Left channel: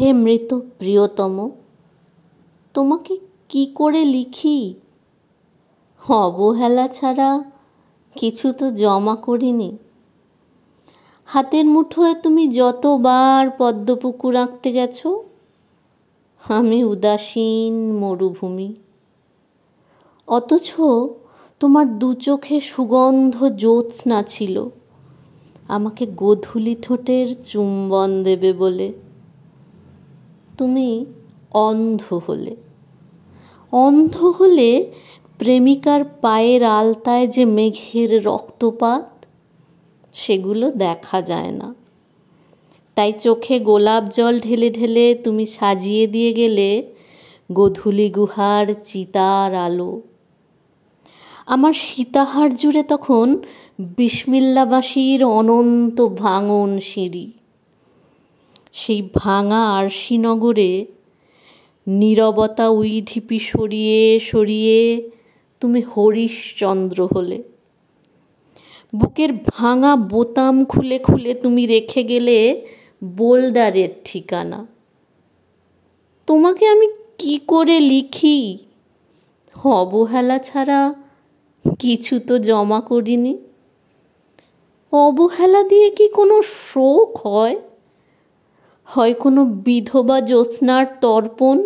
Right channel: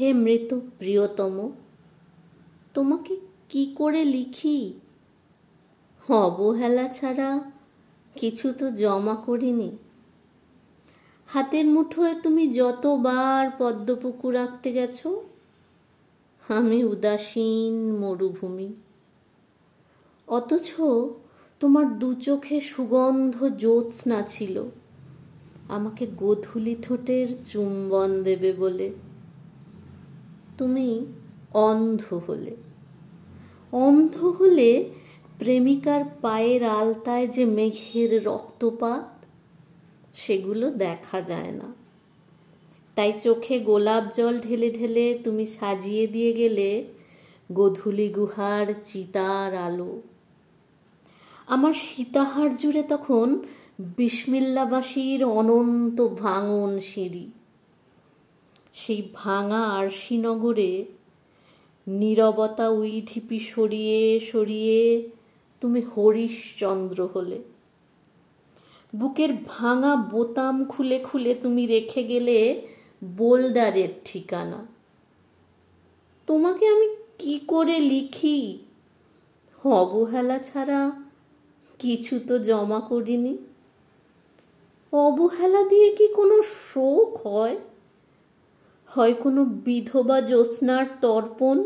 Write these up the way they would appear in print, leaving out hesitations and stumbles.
হে মৃত প্রিয়তম, তোমাকে কি করে লিখি? অবহেলা ছাড়া কিছু তো জমা করিনি। হাতের মুঠোয় তুমি যতবার পদ্মপুকুর আঁকতে গেছো, আমি উদাসীন মরুভূমি। অথচ তোমার দু চোখে সুগন্ধ জ্যোৎস্না ছিল, আমাকে গোধূলি ঠোঁটের চুম্বন দেবে বলে। তুমি অন্ধ হলে। অন্ধ হলে প্রেমিকার পায়ের আলতায় যে মেঘের রক্তপাত, সেগুলো দেখা যায় না। তাই চোখে গোলাপ জল ঢেলে ঢেলে তুমি সাজিয়ে দিয়ে গেলে গোধূলি গুহার চিতার আলো। আমার সীতাহার জুড়ে তখন বিসমিল্লাবাসীর অনন্ত ভাঙন সিঁড়ি। সেই ভাঙা আরশিনগরে নীরবতা উইঢিপি সরিয়ে সরিয়ে তুমি হরিশ্চন্দ্র হলে। বুকের ভাঙা বোতাম খুলে খুলে তুমি রেখে গেলে বোল্ডারের ঠিকানা। তোমাকে আমি কি করে লিখি? অবহেলা ছাড়া কিছু তো জমা করিনি। অবহেলা দিয়ে কি কোনো শোক হয়? হয় কোনো বিধবা জ্যোৎস্নার তর্পণ?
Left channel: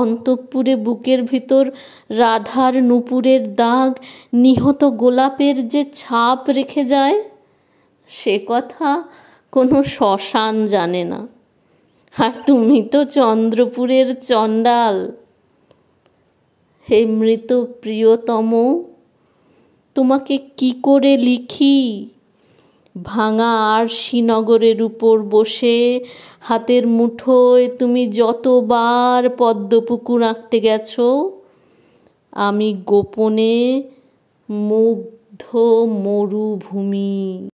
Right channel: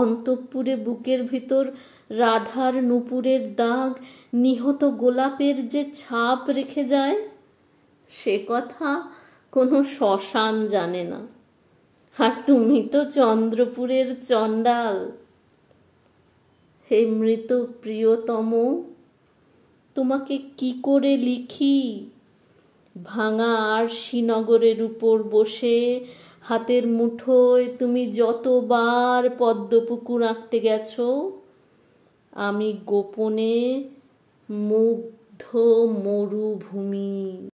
অন্তঃপুরে বুকের ভিতর রাধার নূপুরের দাগ নিহত গোলাপের যে ছাপ রেখে যায়, সে কথা কোনো শ্মশান জানে না। আর তুমি তো চন্দ্রপুরের চণ্ডাল। হে মৃত প্রিয়তম, তোমাকে কি করে লিখি? ভাঙা আরশিনগরের উপর বসে হাতের মুঠোয় তুমি যতবার পদ্মপুকুর আঁকতে গেছো, আমি গোপনে মুগ্ধ মরুভূমি।